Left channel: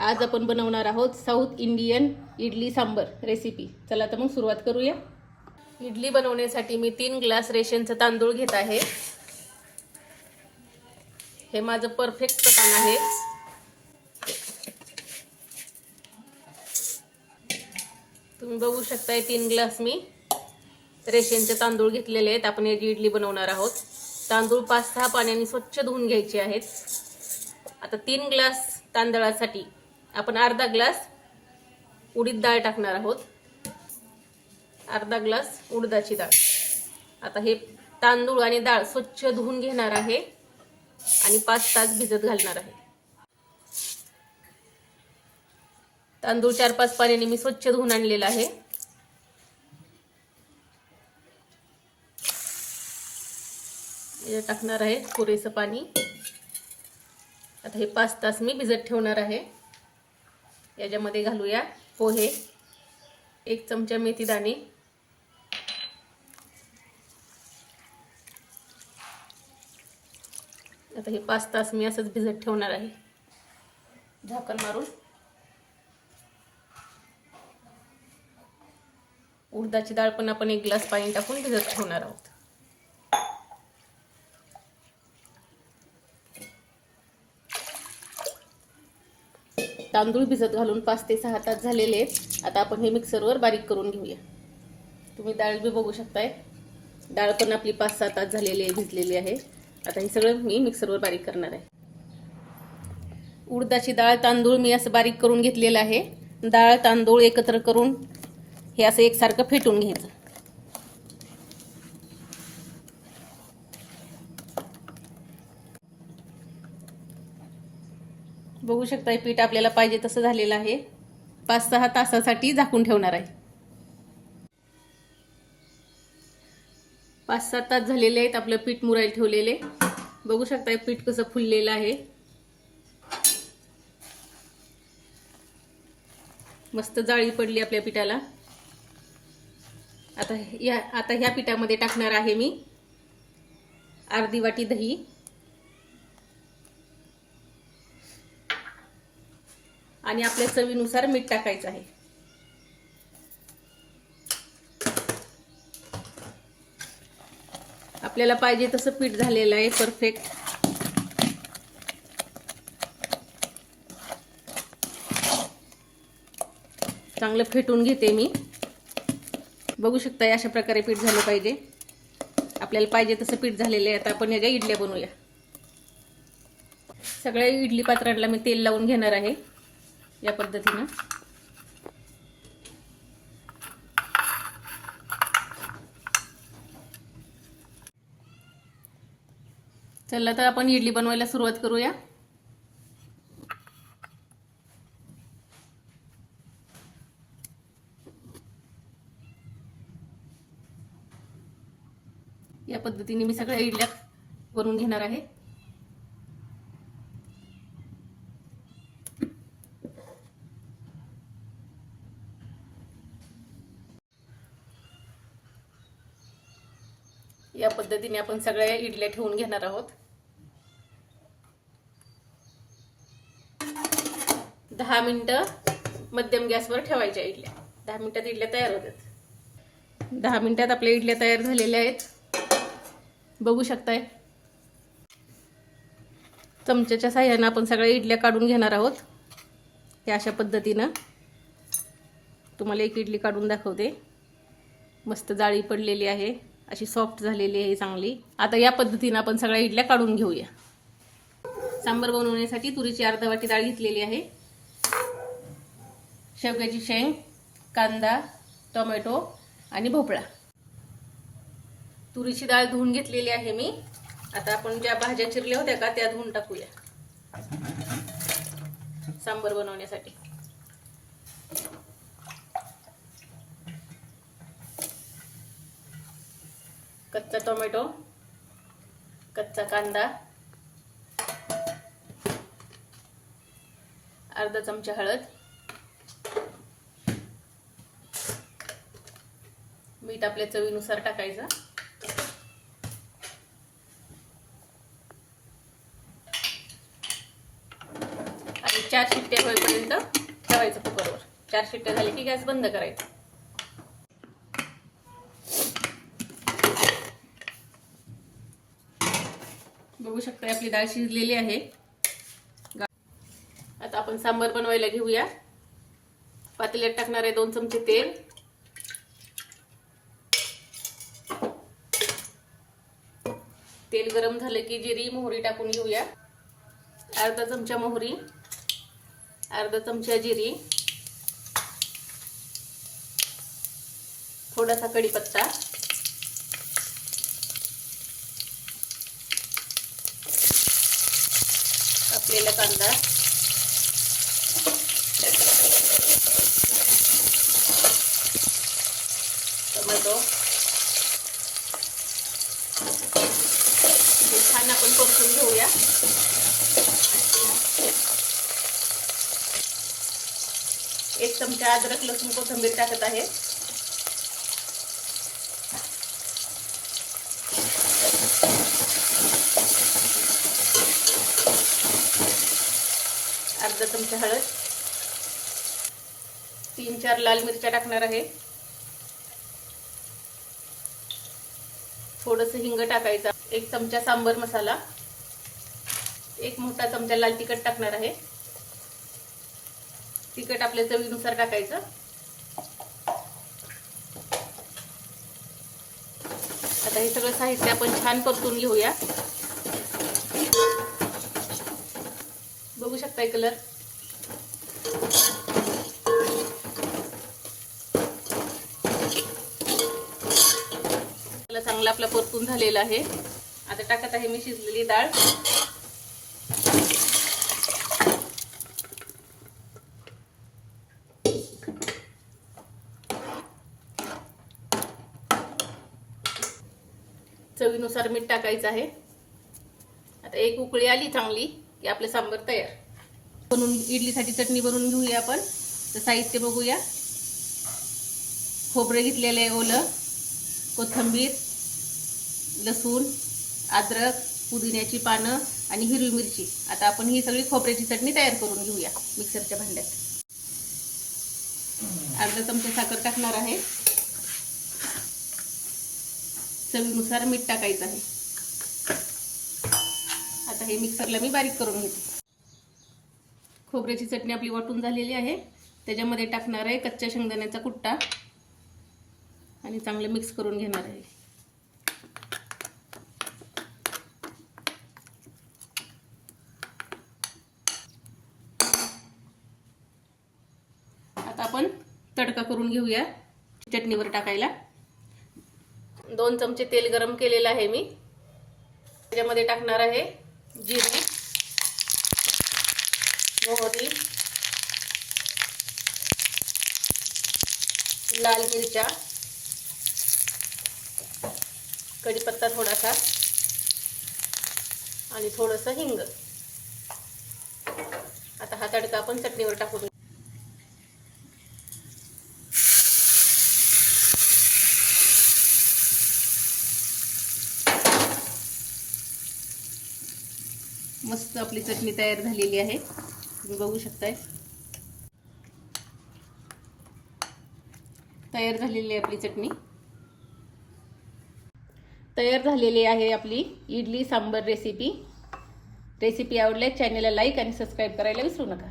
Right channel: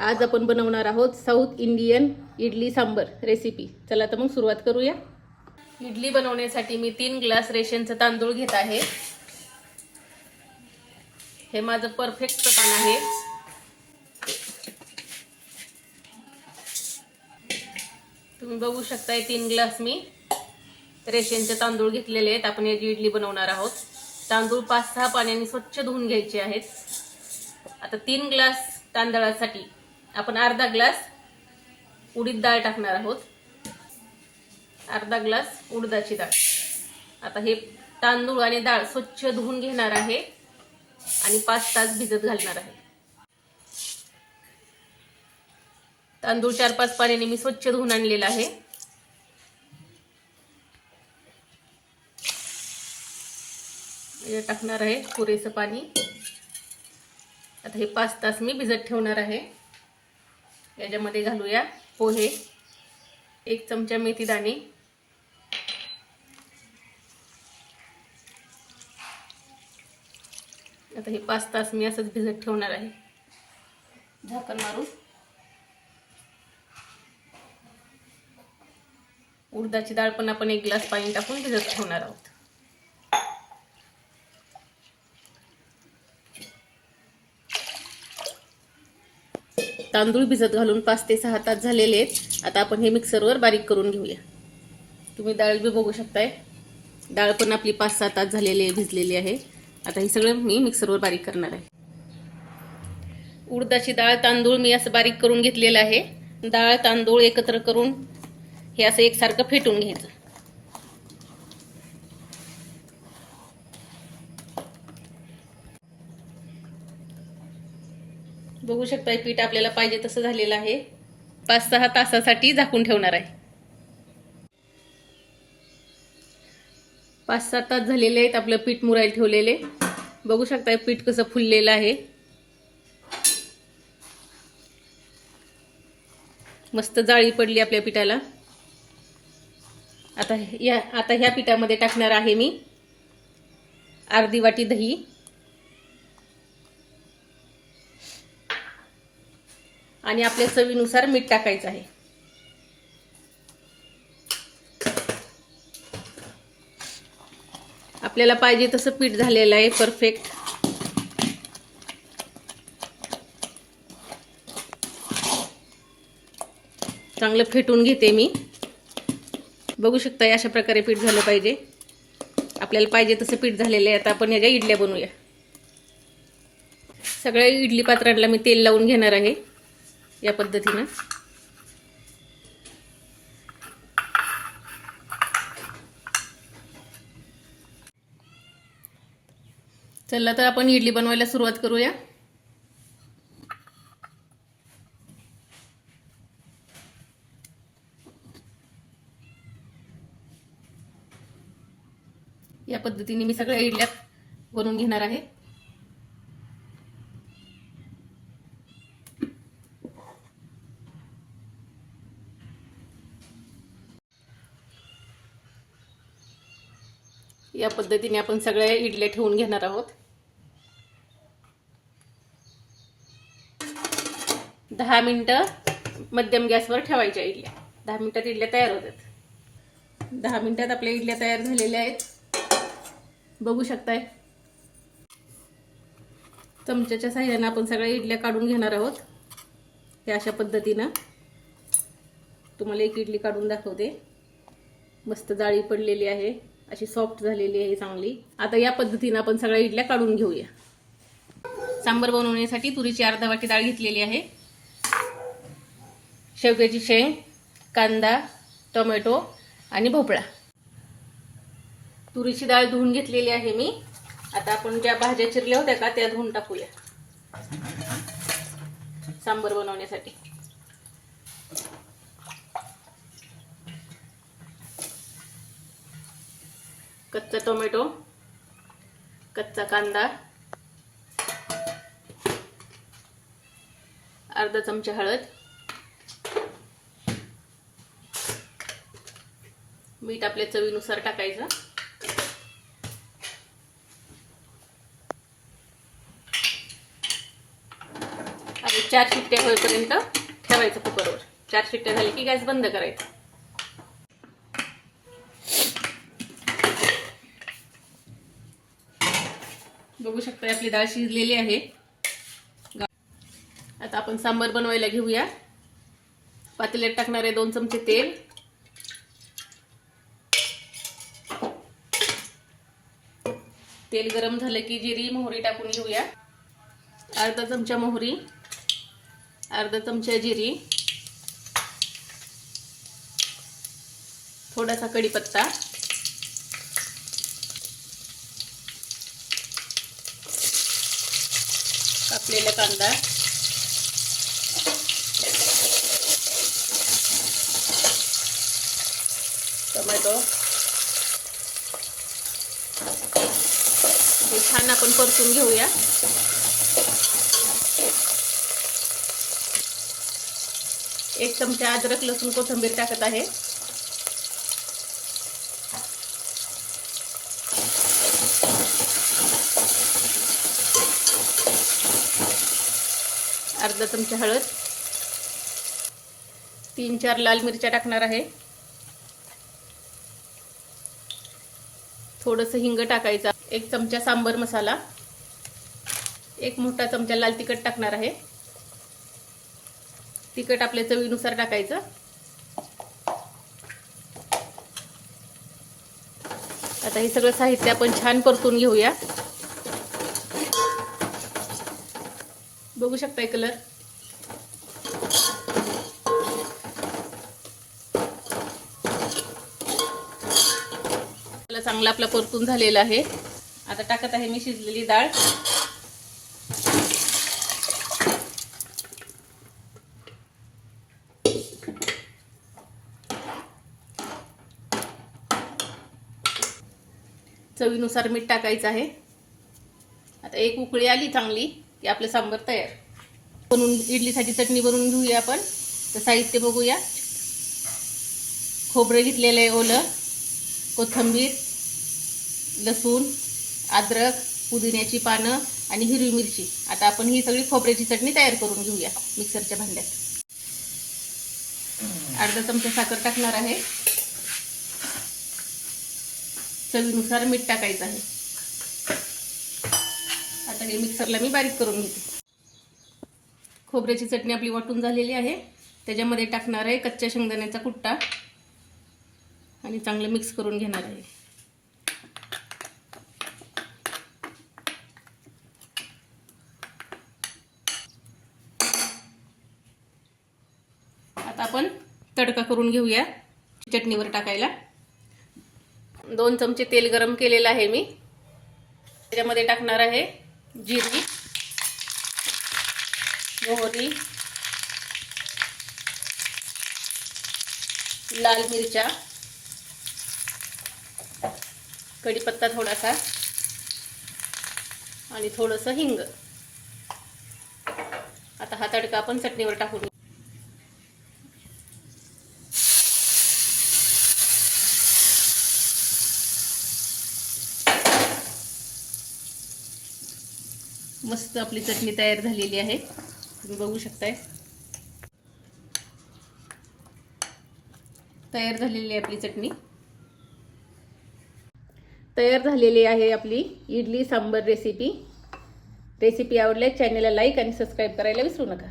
आज आपण बनवणार आहोत south Indian idli sambar recipe चला तर मग सुरुवात करूया. इडली बनवण्यासाठी मी तीन ग्लास रेशनचं तांदूळ घेत आहे. हे माझं परफेक्ट प्रमाण आहे. तुम्ही बघू शकताय तीन ग्लास मी रेशनचे तांदूळ घेतलेले आहेत. आपण याची इडली बनवणार आहोत. तांदूळ पाच सहा पाण्याने स्वच्छ धुवून घ्यायचे आहेत. आता तीन ग्लास तांदळासाठी आपण अर्धा ग्लास उडीद डाळ टाकणार आहोत. अर्धा ग्लास उडदाची डाळ. आता हे तांदूळ आणि डाळ स्वच्छ धुवून घेणार आहे आणि पाच तास भिजत घालणार आहे. तांदूळ चार पाच पाण्याने मी स्वच्छ धुवून आणलेला आहे. टाकणार आहे पुरेसं पाणी. आता हे पाच तास मी भिजत ठेवणार आहे. याच्यामध्ये घालूया पोहे. एक चमचा मेथी दाणे. आता हे पाच तास मी असंच भिजत ठेवणार आहे. झाकण मारून. उडदाची डाळ पण आपण एक ग्लास पाणी टाकून भिजत ठेवणार आहोत. तांदूळ भिजत घालून पाच ते सहा तास झालेले आहेत. आता आपण हे मिक्सरवर बारीक करून घेऊया. तुम्ही डाळ बी बघू शकताय. डाळ पण आपली पाच सहा तास झालेली आहे भिजलेली आहे. आता हे सगळं मी मिक्सरवर बारीक करणार आहे. उडदाची डाळ तांदूळ मी असं बारीक करून घेतलेलं आहे. डाळ तांदूळ एकत्र करून हे असं एकसारखं फेटून घ्यायचं. बघू शकता पीठ आपल्याला पाहिजे तसं झालेलं आहे. पाच सहा तासासाठी झाकून ठेवणार आहे. पाच सात तास झालेले आहेत आपलं पीठ मुरायला ठेवलेले. बघू शकता पीठ कसं फुललेलं आहे. मस्त जाळी पडली आपल्या पिठाला. आता या आता ह्या पिठामध्ये टाकणार आहे मी. अर्धी वाटी दही. आणि आपल्या चवीनुसार मीठ टाकायचं आहे. आपल्याला पाहिजे तसं पीठ झालेलं आहे परफेक्ट चांगलं फेटून घेते मी. बघू शकता अशा प्रकारे पीठ झालं पाहिजे. आपल्याला पाहिजे तसं पीठ झालेलं आहे. आता आपण ह्याच्या इडल्या बनवूया. सगळ्या इडली पात्रांना मी तेल लावून घेणार आहे. या पद्धतीनं. चला तर आपण इडली बनवायला सुरुवात करूया. या पद्धतीने मी सगळ्या इडल्या बनवून घेणार आहे या पद्धतीने आपण सगळ्या इडल्या ठेवून घेणार आहोत. दहा मिनटं मध्यम गॅसवर ठेवायच्या इडल्या. दहा मिनिटात इडल्या तयार होतात. दहा मिनिटात आपल्या इडल्या तयार झालेल्या आहेत. बघू शकताय. चमच्याच्या साह्यानं आपण सगळ्या इडल्या काढून घेणार आहोत. हे अशा पद्धतीनं. तुम्हाला एक इडली काढून दाखवते. मस्त जाळी पडलेली आहे. अशी सॉफ्ट झालेली आहे चांगली. आता या पद्धतीनं आपण सगळ्या इडल्या काढून घेऊया. सांबर बनवण्यासाठी तुरीची अर्धा वाटी डाळ घेतलेली आहे. शेवग्याची शेंग कांदा टोमॅटो आणि भोपळा. तुरीची डाळ धुवून घेतलेली आहे मी. आता आपण ज्या भाज्या चिरल्या होत्या का त्या धुवून टाकूया. सांबर बनवण्यासाठी. कच्चा टोमॅटो कच्चा कांदा अर्धा चमचा हळद मीठ आपल्या चवीनुसार टाकायचं. आणि चार शिट्टे होईपर्यंत ठेवायचं कुकरवर. चार शिट्टे झाले की गॅस बंद करायचा. बघू शकता आपली डाळ शिजलेली आहे. आता आपण सांबार बनवायला घेऊया. पातेल्यात टाकणार आहे दोन चमचे तेल. तेल गरम झालं की जिरी मोहरी टाकून घेऊया. अर्धा चमचा मोहरी अर्धा चमचा जिरी थोडासा कढीपत्ता. कापलेला कांदा. टोमॅटो. हे छान आपण परतून घेऊया. एक चमचा अद्रक लसूण कोथिंबीर टाकत आहे. अर्धा चमचा हळद. तीन चार लाल मिरच्या टाकणार आहे. थोडंसं हिंग टाकायचा. एक चमचा सांबर मसाला. एक मोठा चमचा लाल तिखट टाकणार आहे. तिखट आपल्या चवीनुसार टाकायचं. आता हे सगळं साहित्य आपण छान परतून घेऊया. बघू शकताय कलर? चांगला आपला परतून झालेला आहे. आता टाकत आहे मी शिजलेली डाळ. चवीनुसार मीठ टाकायचं आहे. आता एक उकळी आली चांगली. की आपलं सांबर तयार. बनवून इडलीसाठी चटणी बनवून घेऊया आपण. तर साहित्य बघूया. खोबरं घेतलेलं आहे ओलं कोथिंबीर लसूण अद्रक पुदिन्याची पानं आणि हिरवी मिरची. आता आपण ही सगळी खोबऱ्याची चटणी तयार करून घेऊया मिक्सरच्या भांड्यात. अर्धा चमचा साखर टाकणार आहे. चवीनुसार मीठ टाकायचं आहे. आहे. मिक्सरला मी बारीक करून घेते. खोबऱ्याची चटणी आपली वाटून झालेली आहे. त्याच्यामध्ये टाकणार आहे कच्च्या शेंगदाण्याचा कुट्टा. आणि चांगलं मिक्स करून घेणार आहे. आता आपण तडका करून घेऊया चटणीवर टाकायला. दोन चमचे तेल गरम केलेलं आहे मी. त्याच्यामध्ये टाकणार आहे जिरी मोहरी लाल मिरच्या कढीपत्ता थोडासा आणि थोडंसं हिंग. आता हा तडका आपण चटणीवर टाकू मस्त आपली चटणी तयार झालेली आहे. तुम्ही बघू शकताय. तयार झालेली आहे आपली चटणी. तयार झालेली आहे आपली इडली सांबर रेसिपी. रेसिपी आवडल्यास चॅनलला लाईक आणि सबस्क्राईब करायला विसरू नका.